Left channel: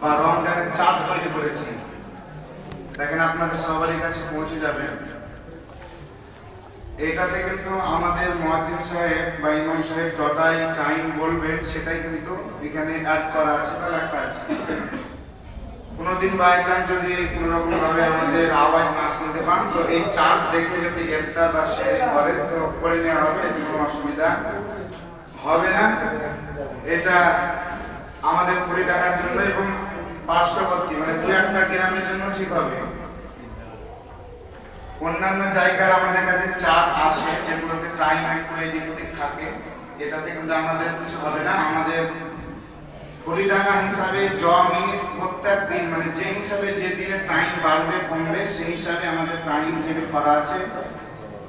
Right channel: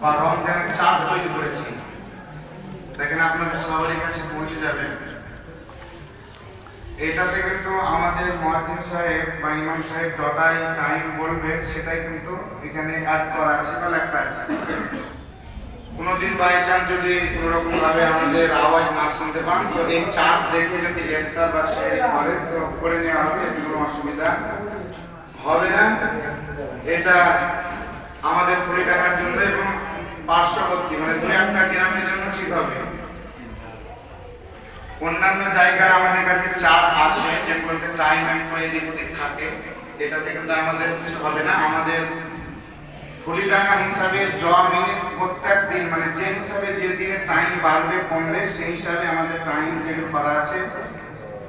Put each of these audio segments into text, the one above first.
বা রমজানের চাঁদ তৈরি করেছি। দেখেন আপনাদের সবারই কাছে পৌঁছে যাবে। এটাতে কিন্তু আমাদের মুয়াজ্জিন সাহেব বা ইমাম সাহেব যটাই টাইম বলবেন সেটাই কিন্তু এখানে অ্যাড করা আছে বা লেখা আছে। কোনোদিন বাই চান্স যদি কোনোরকম ভাবে আমাদের আওয়াজ না শুনতে পান তো এই চার্ট দেখে যদি একটা বা শেয়ার করেন তো করে নেওয়া হবে, এতে কোনো অসুবিধা হবে না। এটা আমাদের 20 টাকার জন্য এবং পার্শ্ববর্তী মানে 2-1টা গ্রামের জন্য ঠিক হবে। অন্যান্য জায়গার আমাদের কাছে চার্ট আসে যেগুলোতে টাইম একটু এদিক ওদিক থাকে, এটাতে কিন্তু আমাদের কিছু হবে না। আমাদের কুড়িডাঙ্গা হিসাবে মিনিট প্রত্যেক দিন মানে যে হিসাবে যে দিনে টাইম বাড়বে কমবে সেই হিসাবে আমাদের টাইম টেবিল করা আছে।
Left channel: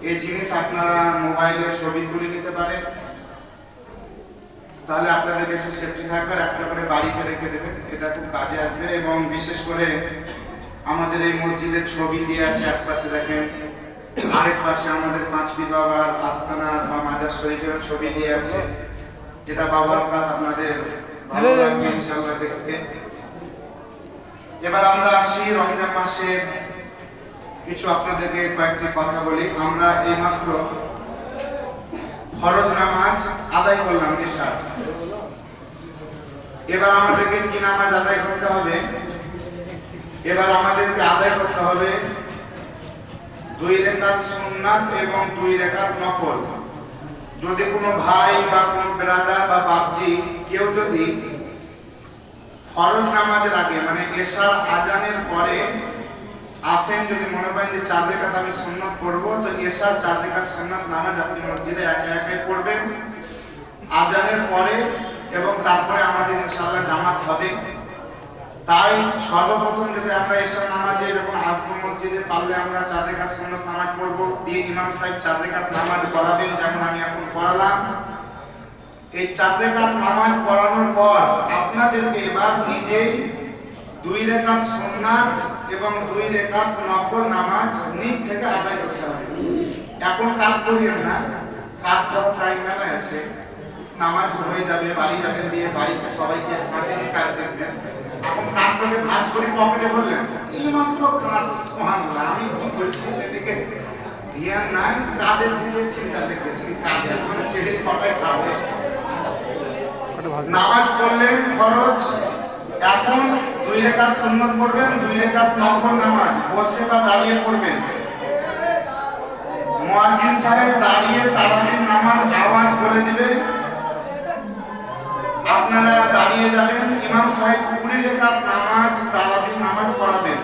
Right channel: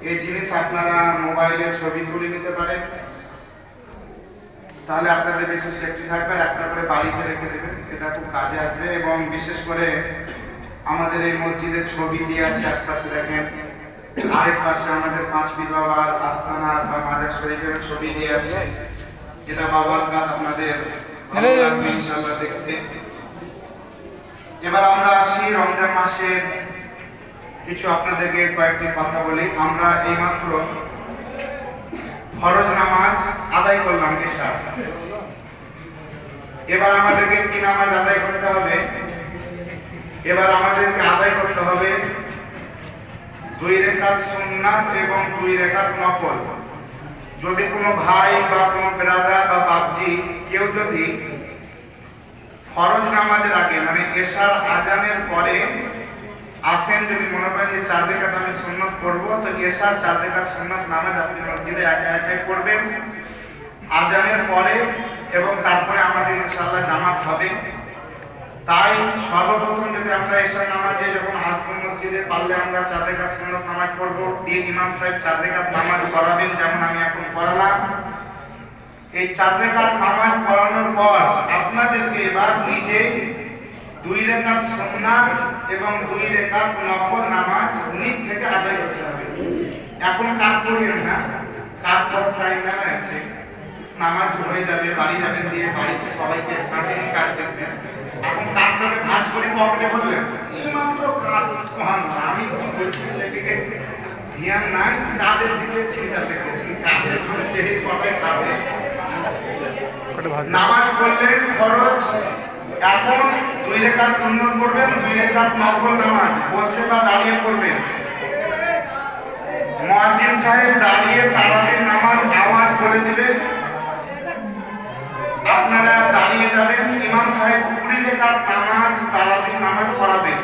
এই জিনিস আপনারা মোবাইলে ছবি তুলে নিতে পারেন, তাহলে আপনাদের বেশি সেফটি থাকবে। আর একটা করে বাড়িতে রেখে দেবেন, এটা খুব কাজে আসবে। এবং বিশেষ করে আমাদের এই মসজিদের ছবি দিয়ে আছে, এক পাশে দেখেন, আরেক পাশে আমাদের পাঁচ পীর বাবার আস্তানা বা মাজার শরীফের ছবি দিয়ে আছে, যেটা বাবার কাজ আপনাদের ভালো লাগবে ইনশাআল্লাহ দেখতে। এবার আমরা আসি রমজান মাসে কিছু আপনাদেরকে কয়েকটি কথা বলি। আমরা এইমাত্র ফরজ নামাজ আদায় করলাম এশা। এবার আমাদেরকে কি নামাজ আদায় করতে হবে? এবার আমাদেরকে আদায় করতে হবে 2 রাকাত সুন্নাত এবং 2 রাকাত নফল। যদি কোনো ভাই বা কোনো ব্রাদার বা বাপজি কেউ যদি ফরজ নামাজের আগে মানে এশার আজানের পরে আসেন, যদি মনে করেন যে 4 রাকাত আমি সুন্নাত পড়বো, তো এশার 4 রাকাত সুন্নাত নামাজ আপনি মসজিদে একা একাই পড়বেন আজানের পরে, এবং তারপরে আমাদের ইনশাআল্লাহ জামাত হবে। তাই সর্বপ্রথম যদি আমরা এশার নামাজে যখন আসবো মসজিদে, পারলে আমরা 4 রাকাত সুন্নাত নামাজ পড়বো, দিয়ে ইমাম সাহেব 4 রাকাত নামাজ পড়াবেন যেমন আমি এখন পড়ালাম। এই 4 রাকাত নামাজ পড়ানোর পর আপনাদেরকে এবার নিজে 2 রাকাত সুন্নাত এবং 2 রাকাত নফল নামাজ নিজ থেকে আদায় করতে হবে। এখন কাজ করিয়েন না, কাজ করার টাইম নামে আছে, নামাজ হয়ে যাবে, বাড়ি যাবেন, দিয়ে বাড়িতে সবাইকে স্নানে কাজ দেখবেন। এখন কাজ করে ভাঁজ করে পকেটে বললেন এই মাত্র কাজ সুবহানাল্লাহ, আমি কি বলছি সেদিকে ধ্যান নাই, কাজের দিকে চিন্তা দেখেছি, কাজের কোনো সেই কথাই খাবে। নামাজ পড়লেন ফরজ, এখন 2 রাকাত সুন্নাত পড়বেন, 2 রাকাত নফল নামাজ বসে বা দাঁড়িয়ে পড়বেন। মুয়াজ্জিন সাহেব দাঁড়িয়ে তারাবির নামাজ আওয়াজ করে দিবে, আপনারা দাঁড়িয়ে যাবেন। ইমাম সাহেব 20 রাকাত নামাজ তারাবির নামাজ পড়াবেন।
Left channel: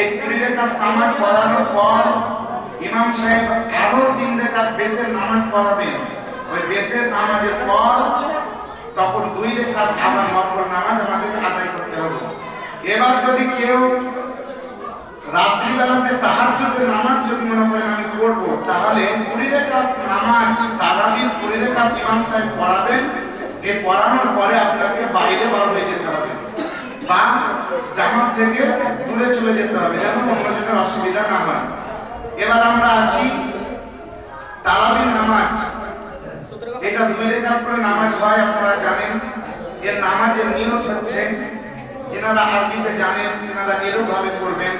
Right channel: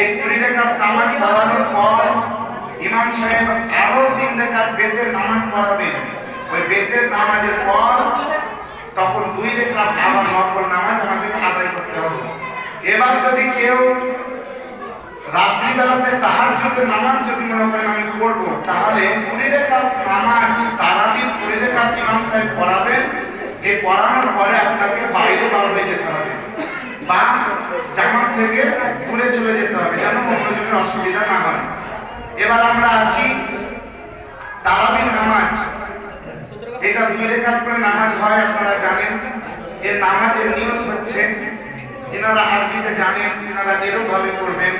এই 20 রাকাত নামাজ পড়ানোর পর ইমাম সাহেব আরো 3 রাকাত বেতের নামাজ পড়াবেন। ওই বেতের নামাজের পর তখন 2 রাকাত আবার নফল নামাজ আমাদেরকে আদায় করতে হবে। এবার যদি কেউ রাত্রিবেলাতে তাহাজ্জুদের নামাজ যদি মনে করেন আমি পড়বো, তাহলে 20 রাকাত নামাজ তারাবির 20 রাকাত ইমাম সাহেব পড়াবেন। এই পড়ানোর পরে আপনাকে বাইরে বার হয়ে যেতে হবে বা জামাত থেকে দূরে চলে যেতে হবে, যেন অন্যজনের অসুবিধা না হয়। এবার আমরা আসি তারাবির নামাজ। এটা 2 রাকাত করে নামাজ হয়, আপনারা জানেন। এর নামাজের নিয়ত হচ্ছে, যিনারা আরবিতে জানেন তিনারা এরকম ভাবে পড়বেন,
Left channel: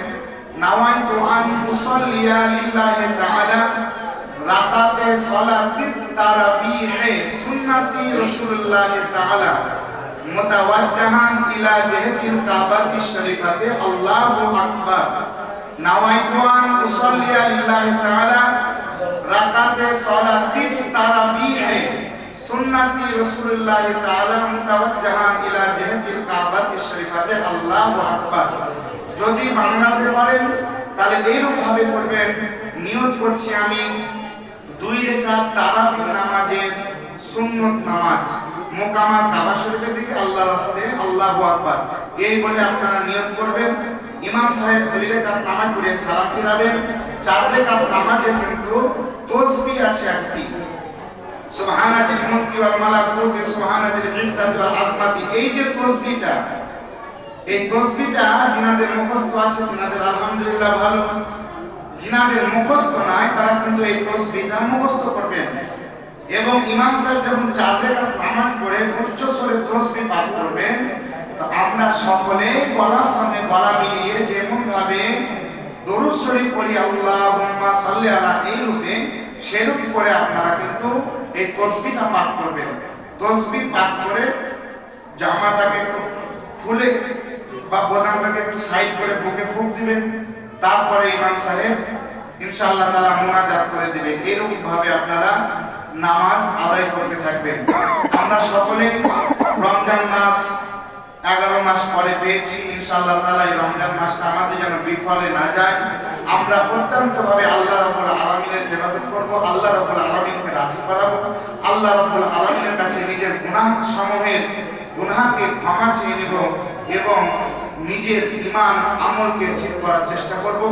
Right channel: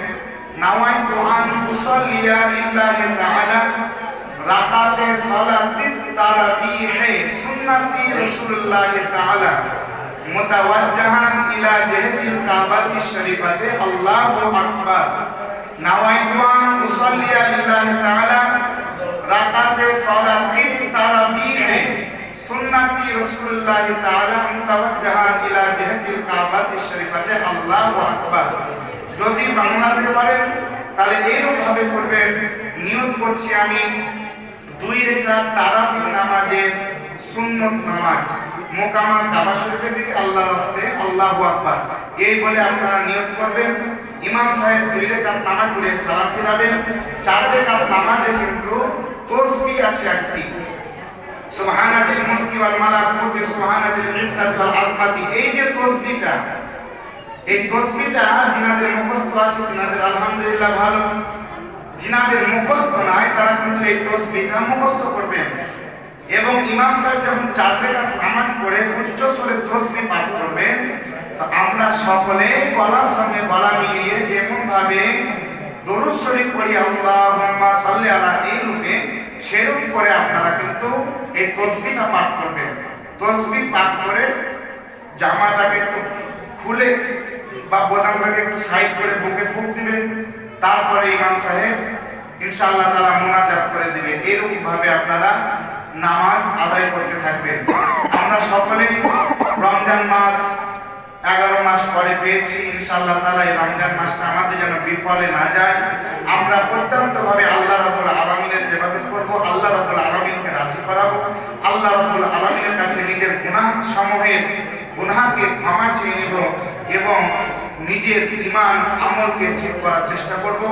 নাওয়াইতু আন উসাল্লিয়া লিল্লাহি তাআলা রাকাতে সালাতিত তারাবিহে সুন্নতি রাসূলুল্লাহ তাআলা মুতাওয়াজ্জিহান ইলা জিহাতিল কাবাতি শরীফাতে আল্লাহু আকবার। নাওয়াইতু আন উসাল্লিয়া লিল্লাহি তাআলা রাকাতে সালাতিত তারাবিহে সুন্নতি রাসূলুল্লাহ তাআলা মুতাওয়াজ্জিহান ইলা জিহাতিল কাবাতি শরীফাতে আল্লাহু আকবার। যদি বাংলাতে পারেন তাহলে এইরকম ভাবে করবেন, নিয়ত করছি আমি 2 রাকাত তারাবির নামাজের সুন্নত নামাজ মোকামা কাবা শরীফের দিকে আল্লাহর রাস্তে আল্লাহু আকবার এই বলে আপনারা নিয়ত করবেন। ইমাম সাহেব 2 রাকাত নামাজ পড়ে সালাম ফিরাবেন। 4 রাকাত নামাজে কিন্তু তাসবিহ আছে একটি, সুবহানাল্লাহিল মুলকি ওয়াল মালাকুতি সুবহানাল্লাহিল ইজ্জাতি ওয়াল আজমাতি। এই যে তাসবিহটা, এই তাসবিহটা যিনাদের মুখস্থ আছে তিনাদের আলহামদুলিল্লাহ ভালো, যিনাদের মুখস্থ নাই তারা কিন্তু এই তাসবিহটা মুখস্থ করবেন। এবং ইমাম সাহেব যখন 4 রাকাত নামাজ পড়ে উচ্চ স্বরে তাসবিহ পাঠ করবেন, তো আমরা সকলে গলার সঙ্গে গলা মিলিয়ে যেমন ভাবে দরুদ শরীফ পড়ি আল্লাহুম্মা সাল্লি আলা এই রূপে, সেরূপ করে আপনারা কিন্তু এই তাসবিহটা পাঠ করবেন। তাসবিহ পাঠ করে জামাটাকে একটু খুলে বা বোতামটাকে একটু সাইড করে বুকে ফুঁক দিবেন। তারপরে ইমাম সাহেব ইনশাআল্লাহ তাআলা মুনাজাত করে দিবে। এরকম ভাবে আপনারা নামাজ আদায় করতে থাকবেন। আমরা সকলেই রমজান মাস 11 মাস পরে পেয়েছি। ইনশাআল্লাহ তাআলা এই রমজান মাসটা আমাদের যেন বিফলে না যায়। আমরা অত্যন্তভাবে আল্লাহ রাব্বুল আলামিনের ইবাদত করব, আল্লাহ রাব্বুল আলামিনকে রাজি করাবো, আল্লাহ রাব্বুল আলামিনের কাছে নিজের গুনাহকে ক্ষমা চেয়ে নেব এবং নিজের ঈমান আমলকে ঠিক করার চেষ্টা করব।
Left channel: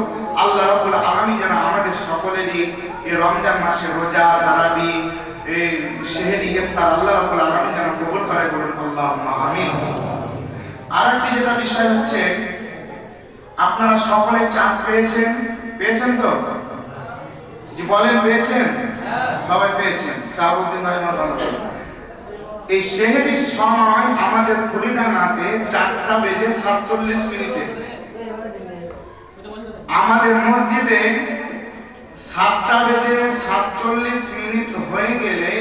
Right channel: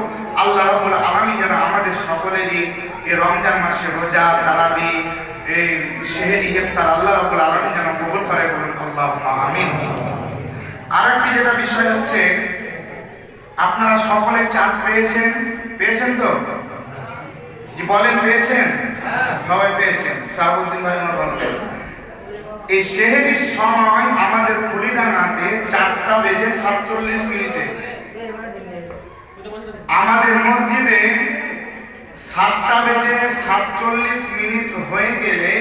আল্লাহ রাব্বুল আলামিন যেন আমাদের সকলেরই এই রমজান মাসে রোজা, তারাবি, এই সেহরি, ইফতার আল্লাহ রাব্বুল আলামিন যেন কবুল করে, বলুন আল্লাহুম্মা আমিন। আরেকটি যেটা বিষয় হচ্ছে, আপনারা সকলে চাঁদ পেয়েছেন তো? যে বলেন পেয়েছেন? সবাই পেয়েছেন। সাহাবুদ্দিন ভাই আমার ভালো। এই সেহরির সময় আমাদের ফুলিডাঙ্গাতে 4:47 আমাদের মসজিদে 7:47 হয়ে গেলে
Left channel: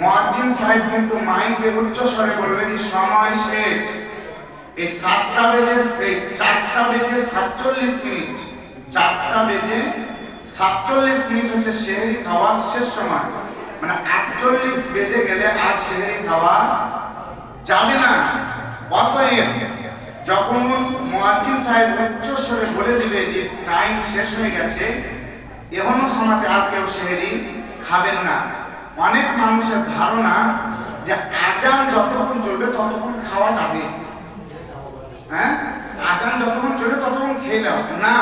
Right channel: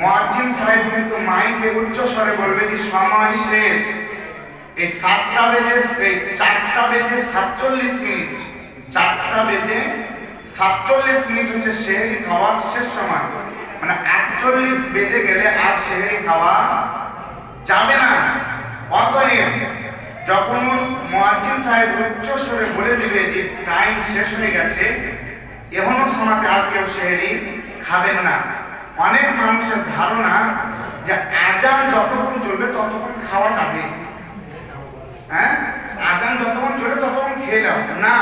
মুয়াজ্জিন সাহেব কিন্তু মাইকে উচ্চ স্বরে বলবে যে সময় শেষ। এই 4:47 হচ্ছে সেহরি খাওয়ার শেষ সময়। মানে 48 বেজে গেলে আর সেহরি খাওয়া যাবে না। অতএব যখন মুয়াজ্জিন সাহেব উচ্চ স্বরে বলে দিবে যে টাইম শেষ হয়ে গেছে, এখনো সময়তে আর কেউ সেহরি খাবেন না। অনেক মানুষের ধারণা যে আজান যতক্ষণ চলবে ততক্ষণ খাওয়া যাবে। হ্যাঁ, আজান যতক্ষণ চলবে ততক্ষণ খেয়ে নাও না।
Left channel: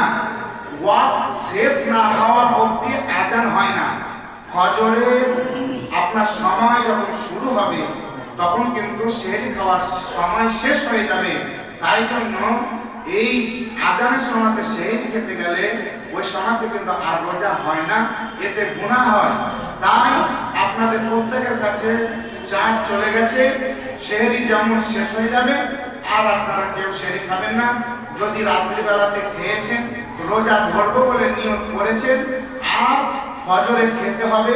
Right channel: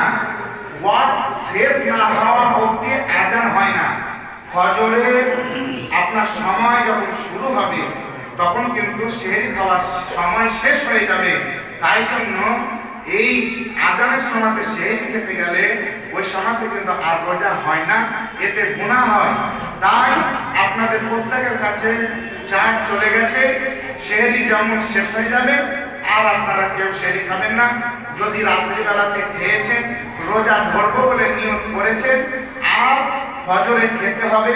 ওয়াক্ত শেষ না হওয়া অবধি আজান হয় না। ফজরের আপনার সময় যখন শুরু হবে তখন কিন্তু সেহরি খাওয়ার সময় শেষ হয়ে যাবে। তাই জন্য এই আজানের সময়তে সেহরি খেতে গেলে ওই সময়তে কিন্তু আর রোজা হয় না, এতে গুনাহ হয়। তাই আপনাদের প্রত্যেকের কাছে চাঁদ চলে গেছে, সেহরি যেমন শেষ হয়ে যাবে আর আপনারা কেউ সেহরি খাবেন না। যদি রাত্রিবেলাতে খেয়েছেন, রোজা ধরবো বলে নিয়ত করেছেন, আর ফজরে খেতে হবে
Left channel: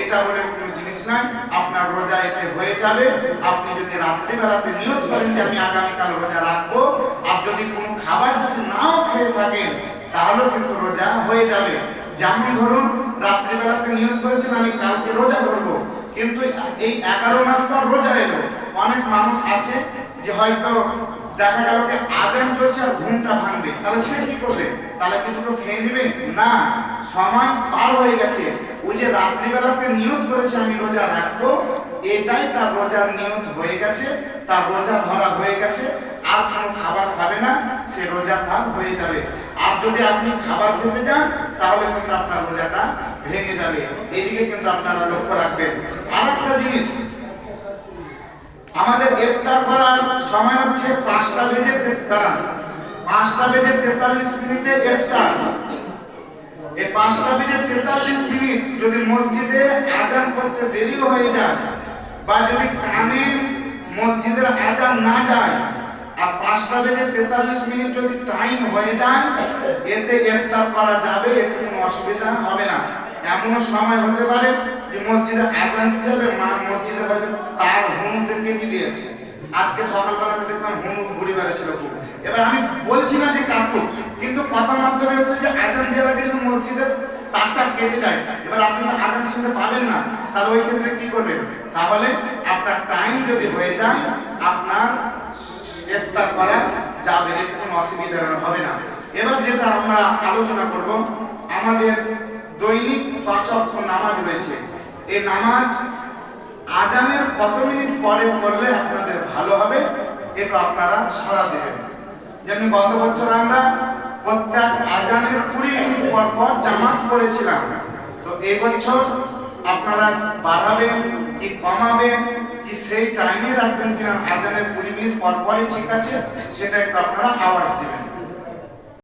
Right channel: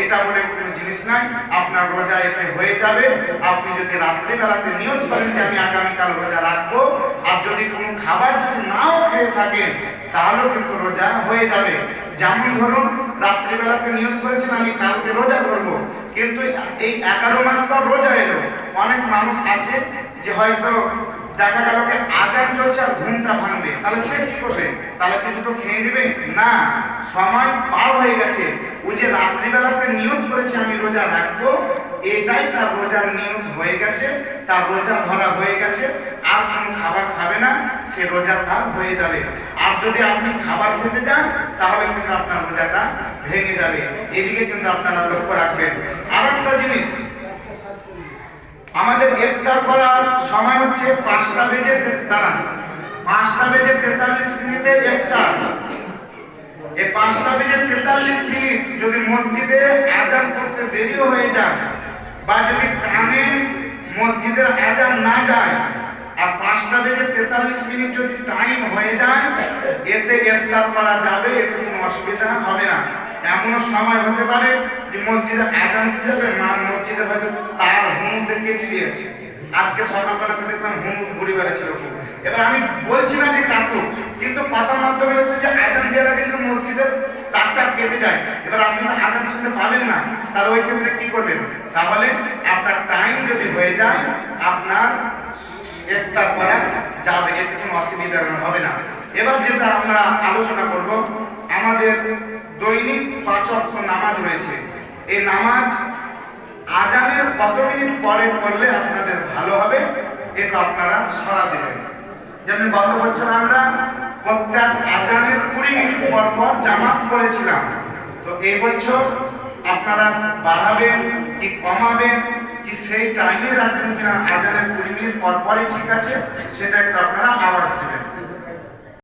এটা বলে কোনো জিনিস নাই, আপনার রোজা এতে হয়ে যাবে। আপনি যদি রাত্রিবেলাতে নিয়ত করেন যে আমি আগামীকাল রোজা রাখবো, আর যদি কোনো খাবার যদি নাও খেয়ে থাকেন তাহলেও কিন্তু রোজা হয়ে যাবে। যেমন ধরুন রাত্রিবেলাতে নিয়ত করেছেন আমি কালকে রোজা ধরবো, কিন্তু এই 11 মাস পর রোজা এলো। অনেক মানুষ আছে যে হয়তো দেখা গেল যে আজান চলছে আর ঘুমটা ভাঙবে, তাহলে সে কি করবে? তাহলে কি দুটো খেয়ে নেবে? না, সময় পার হয়ে গেছে। ওই যে রাত্রিবেলাতে নিয়ত করেছে আমি রোজা রাখবো, এটাই তার রোজার নিয়ত হয়ে গেছে, তার রোজা ধরা হয়ে গেছে। আর কোনো খাবার খাবে না, সে রোজা তার হয়ে যাবে। আর যদি আপনি খাবার খেতে যান তাহলে কিন্তু আপনার রোজাটা ভেঙে যাবে। এদিকে কিন্তু আপনারা লক্ষ্য রাখবেন। আর একটা জিনিস, আমাদের ইফতার করার সময় হচ্ছে 5:43 ইফতার। এই 5:43 যদি মসজিদে আজান করতে দেরি হয়ে যায় বা যদি কানে মসজিদের আজান না যায় আর 5:43 যদি টাইম হয়ে যায়, এতে ইফতার করা যাবে, এতে কোনো অসুবিধা হবে না। এমনও সময় হতে পারে যে মসজিদে আজান দিতে হবে, মসজিদে হয়তো তার হুনুতে কেটে দিয়েছে। আজকে সকালবেলাতে দেখলাম হুনু ঘুরে বেড়াচ্ছিল। এবার আমি বলছি না যে কাটুক, কিন্তু কথার মাধ্যমে হচ্ছে যে আজান দেওয়ার আগে যদি মসজিদের তারটা কেটে যায়, এবার আপনি তো আজান শুনতে পাবেন না, তাহলে ওই ক্ষেত্রে কি করবেন? তাহলে আপনার টাইম যদি হয়ে যায় আপনার ইফতার করা যাবে, এতে কোনো অসুবিধা হবে না। এবার যেটা আমরা আলোচনা করব, আমাদের দৈনিক 5 ওয়াক্ত নামাজ রয়েছে। এই নামাজ আজানের কত মিনিট পরে পড়লে আপনাদের ভালো হবে, এটা আপনারা সাড়া দেবেন। যেমন গত বছর আমরা প্রত্যেক আজানের 20 মিনিট পর পর জামাত করেছিলাম, তো এই বছর আপনারা বাড়াবেন কি কমাবেন কি সেই টাইমে রাখবেন কিনা, আজানের 20 মিনিট পর পরই ঠিক আছে সেটা একটু আপনারা আওয়াজ দেবেন।